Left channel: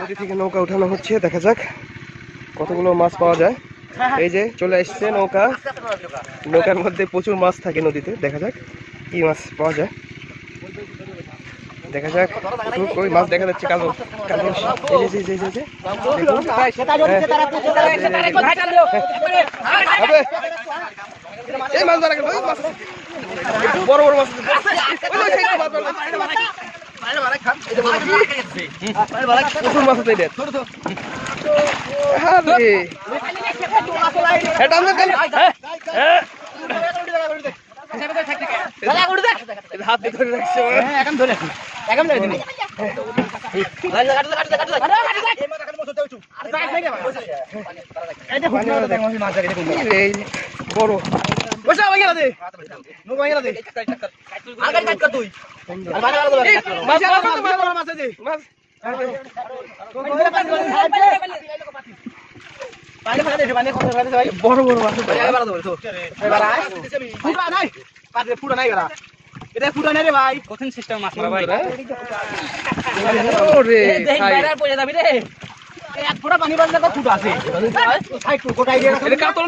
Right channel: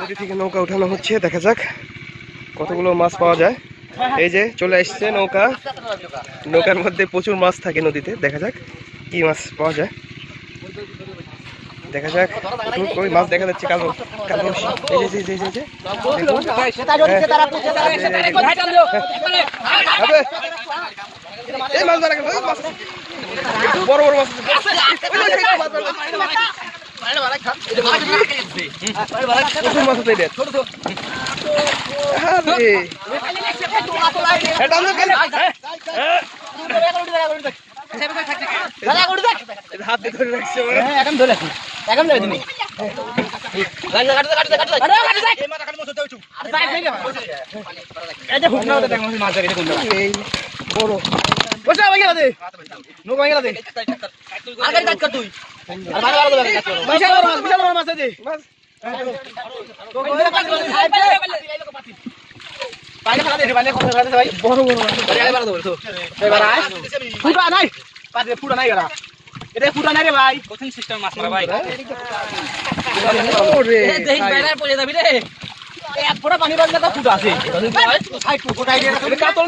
নদী থেকে নৌকা উঠানো হচ্ছে, দেখা যাক কতগুলো মাছ পাওয়া যায়। এই যে চলে আসছে নৌকা, নৌকার মধ্যে প্রচুর মাছ থাকে নদীতে। দেখা যাক কি মাছ পাওয়া যায়, দেখা যাক। ওই মাছ দেখা যাচ্ছে কালো কালো। এই মাছ ধরা গেল, বড় বড় মাছ, প্রচুর মাছ আছে। হাতে ধরে রাখছে, বড়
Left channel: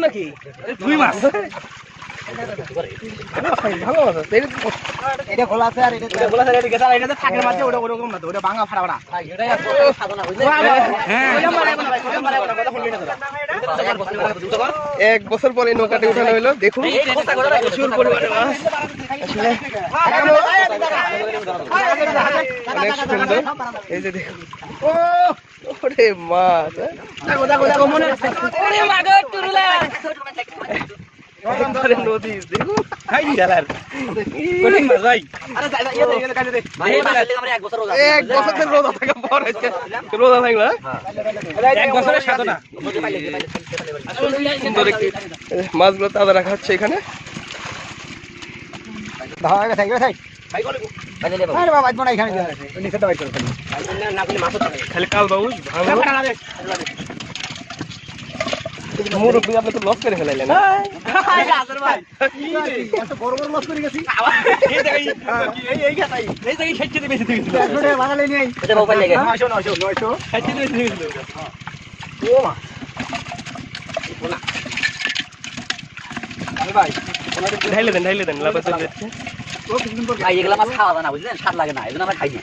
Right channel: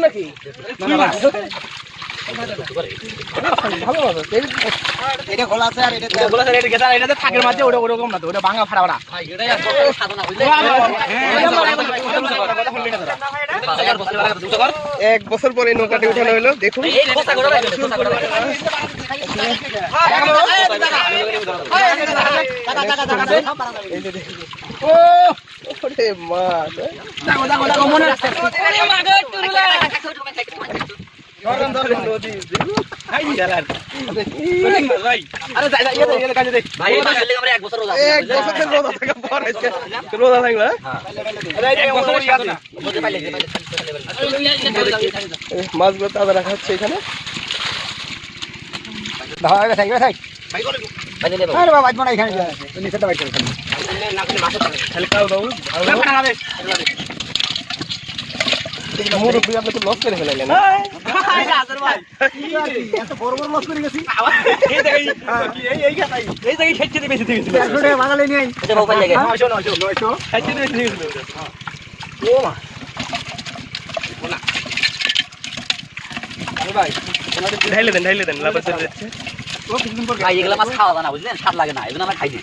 নাকি এক বছর পরে নৌকাটি উঠানো হলো। দেখুন মাছ নদী মাছগুলো তাজা রাখা হচ্ছে এখানে। মুরব্বী আপনি তো লস করে ফেলাইলেন। ঢাইলে দেন লাভ আছে। এগুলা মাছ খাওয়া যায় না, বুঝলেন? স্বাদ লাগে না, এই জন্য আমরা খাই না।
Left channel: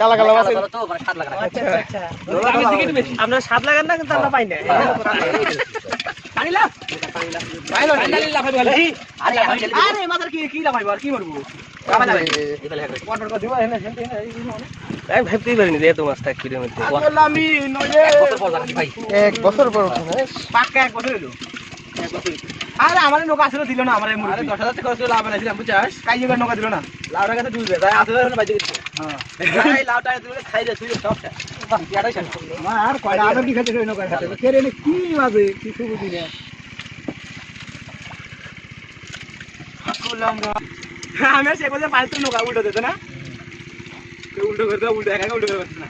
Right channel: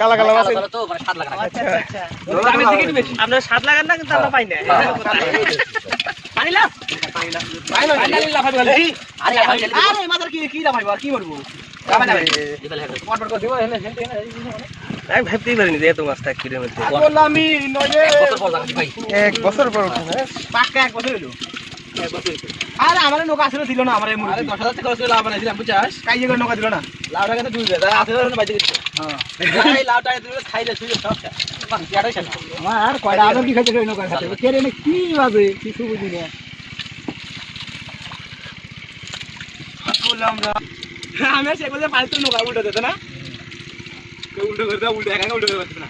কালা কালা মাছ তো মানে স্বাদ লাগে না। আপনার স্বাদ লাগান না, কিন্তু আমরা পাই না। ভাবতেই পারিনি যে এত মাছ থাকবে এর মধ্যে। এক বছর পর উঠে পাক্কা 1 বছর হলো। আরে আমার নৌকা আসলে ছিল না, আমার 10,000 টাকা খরচ করে লাভ বানাইছিলাম, বুঝছস? কাইয়ে করে নৌকা দিল না, লাউটা কিন্তু ডুবে যায়। 8,000 বাইতে গেছে। হ্যাঁ এই লাউটা দিলে খাইলে শুয়ে সব শেষ। ইয়াটাই শেষ। মার কয়টা আগে কি খাইতে নৌকা খাইতে, কে রে কি হবে কিছু বুঝি না। বললাম না আমি সে বলে পাঁচটা নৌকা উল্টো দিত না, উল্টো করে দাও, উল্টো একা উল্টো করে না।